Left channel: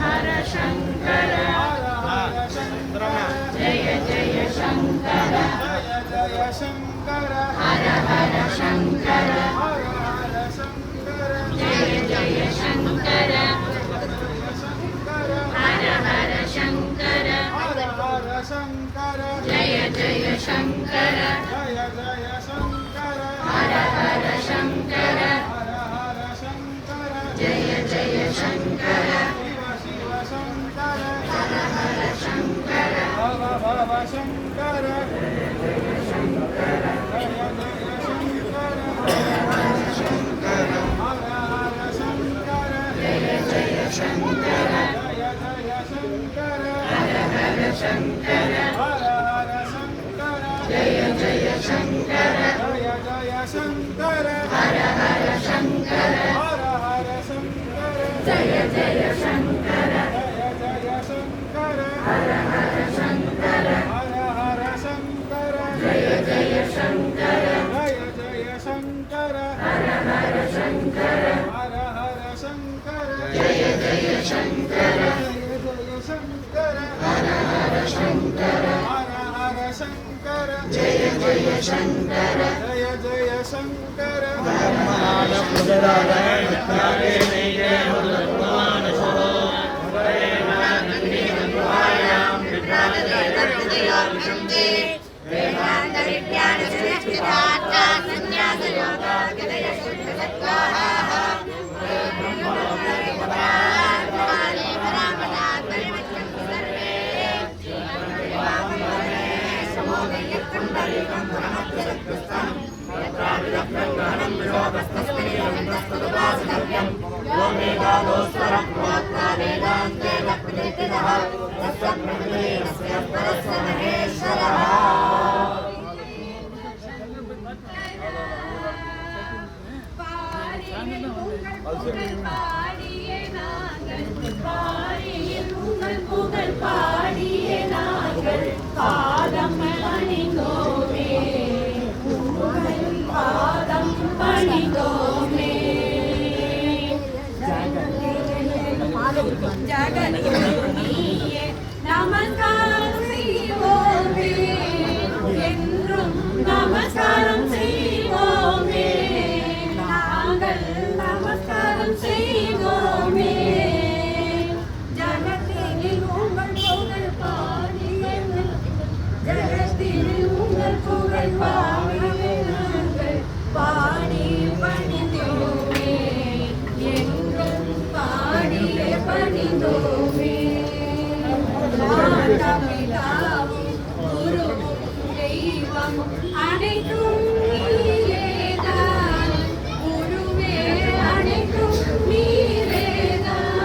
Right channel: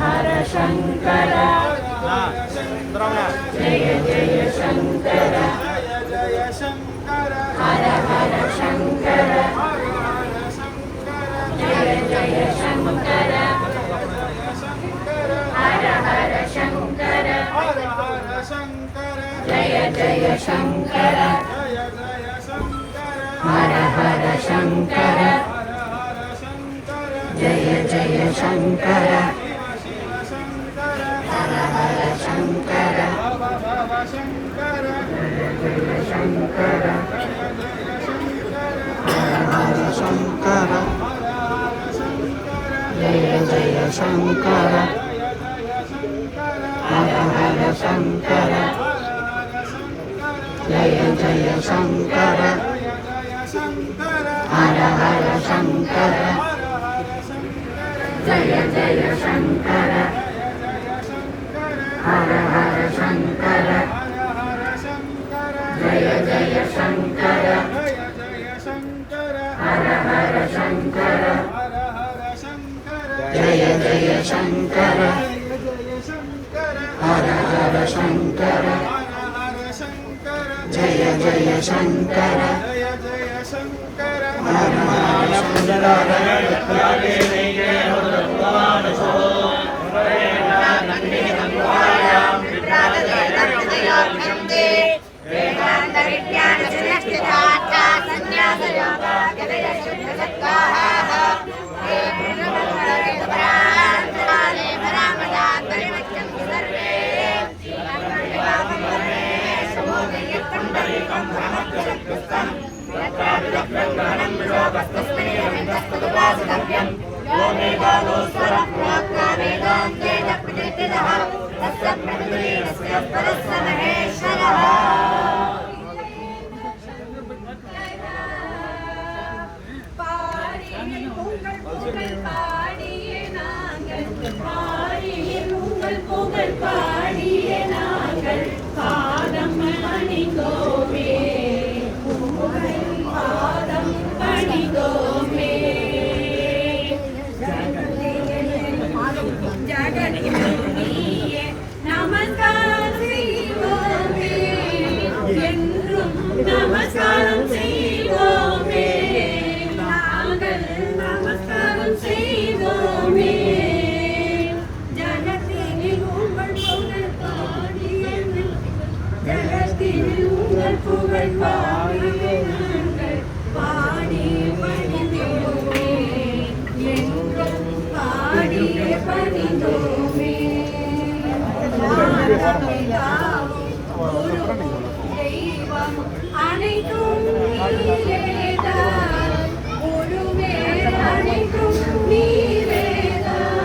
हर शंकर जय जय शंकर हर हर शंकर जय जय शंकर हर हर शंकर जय जय शंकर हर हर शंकर जय जय शंकर हर हर शंकर शंकर शंकर जय जय शंकर हर हर शंकर जय जय शंकर हर हर शंकर जय जय शंकर हर हर शंकर जय जय शंकर हर हर शंकर जय जय शंकर हर हर शंकर जय जय शंकर ब्रह्मांड पुनरावृत्तानि नीले भगवान् वेदांत विज्ञान संस्कृता संन्यास योगा गदय शुद्ध सत्वाः நமஸ்காரம் செய்வோமே நாங்கள் நமஸ்காரம் செய்வோமே ஜகத்தில் உங்கள் புகழ் பாடியங்கள் ஜகத்தில் உங்கள் புகழ் பாடியங்கள் பாடி பணிந்தோமே எங்கள் பாடி பணிந்தோமே மாதாபிதாவும் குருவும் தெய்வம் அனைத்தும் நீரேதான் குருவே அனைத்தும் நீரேதான்